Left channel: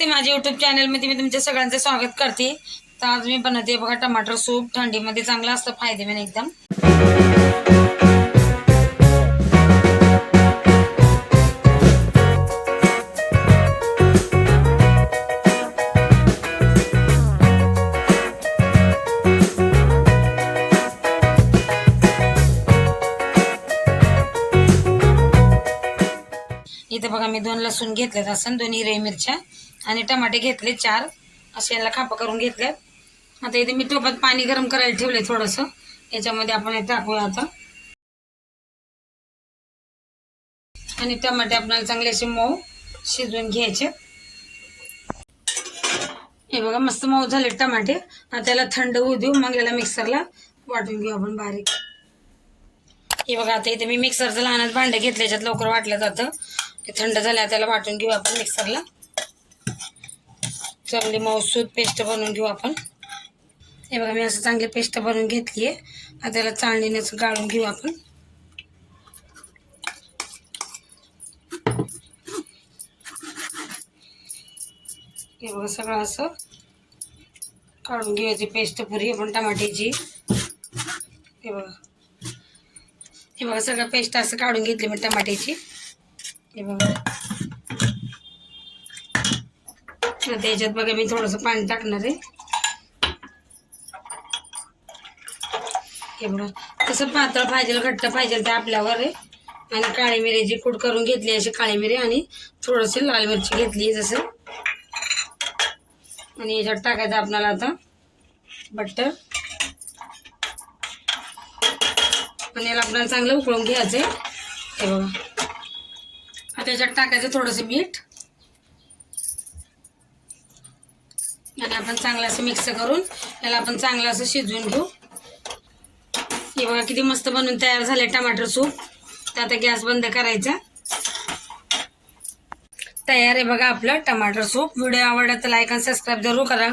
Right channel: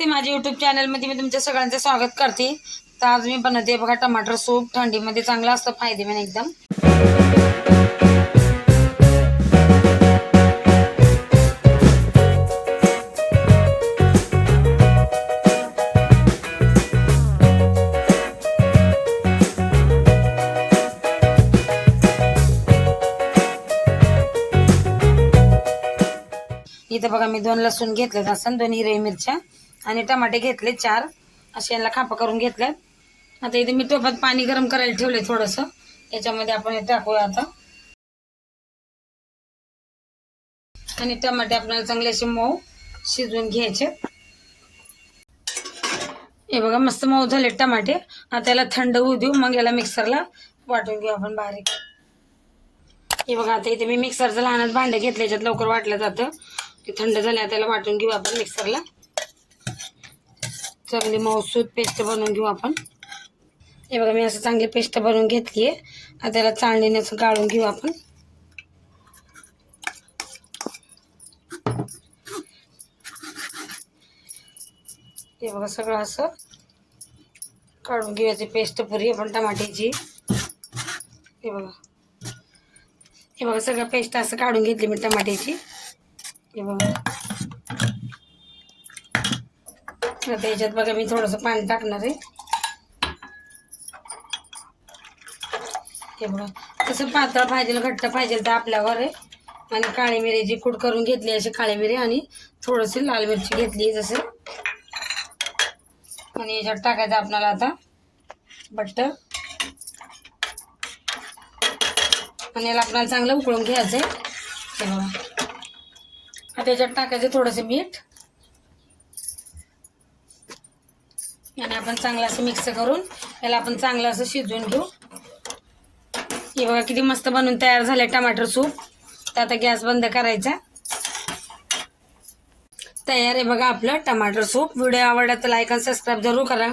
नमस्ते माझ्या युट्यूब चॅनलमध्ये मी तुमच्या सगळ्यांचे स्वागत करते. तर आज मी बनवते बघा टमाटर सूप. थंडीमध्ये चांगलं असतं फायदेमंद एकदम. इथं बघा मी दोन लसूण घेतलेत असं दोन हिरवी मिरच्या. आणि टमाटे घेतले चार. असे यांना खापा करून घेतल्यात आता इथे मी टोपात पाणी गरम करायला ठेवले थोडंसं. याच्यामध्ये आपण हे टाकूया आता. आणि टमाटे आपल्याला चांगले असे मऊ शिजवून घ्यायचे. हे बघा मस्त मऊ झाले टमाटे. आता त्याला थंड होऊ देऊ. मग याला मिक्सरला वाटून घेऊ आपण बारीक. हे बघा आता इथे मी मिक्सरचं लहानच भांडं घेतलं. याच्यात लवकर वाटलं जातं. ते थंड झाल्या त्याला वाटून घेऊ आपण मिक्सरला. चांगली मऊसूद पेस्ट बनवून घेऊ आपण. हे बघा मी असं चांगली पेस्ट बनवून घेतली आहे. आता त्याला चाळणीने असं गाळून घेऊ आपण. हे बघा सगळं असं काढून घेऊयाची पेस्ट पुरी आपण टमाट्याची. हे बघा. हे बघा सगळं पेस्ट असं काढून घेतली मी टमाट्याची. हे बघा. आता याच्यात बघा मी थोडंसं पाणी टाकणार आहे. हे बघा कसं पातळ पाहिजे घट्ट पाहिजे ते आपल्यावर आहे. आणि काळी मिरीची कूड करून घेतली अशी काळी मिरी आणि थोडंसं लाल मिरची घेतली जसं. आणि याच्यात टाकायचं आपल्याला आता बट्टर आणि याला आपल्याला चांगलं उकळून घ्यायचं आहे हे बघा. आता याच्यात टाकायचं थोडंसं मीठ. आणि आपण चांगलं असं मिक्स करून याला आपण चांगलं असं शिजवून घेऊ. हे बघा किती मस्त बनवून तयार झाले टमाटर सूप. तर आता गॅस बंद करायचा. तयार आहे बघा आपलं टमाटर सूप. व्हिडिओ आवडला तर लाईक आणि सबस्क्राईब जरूर करा.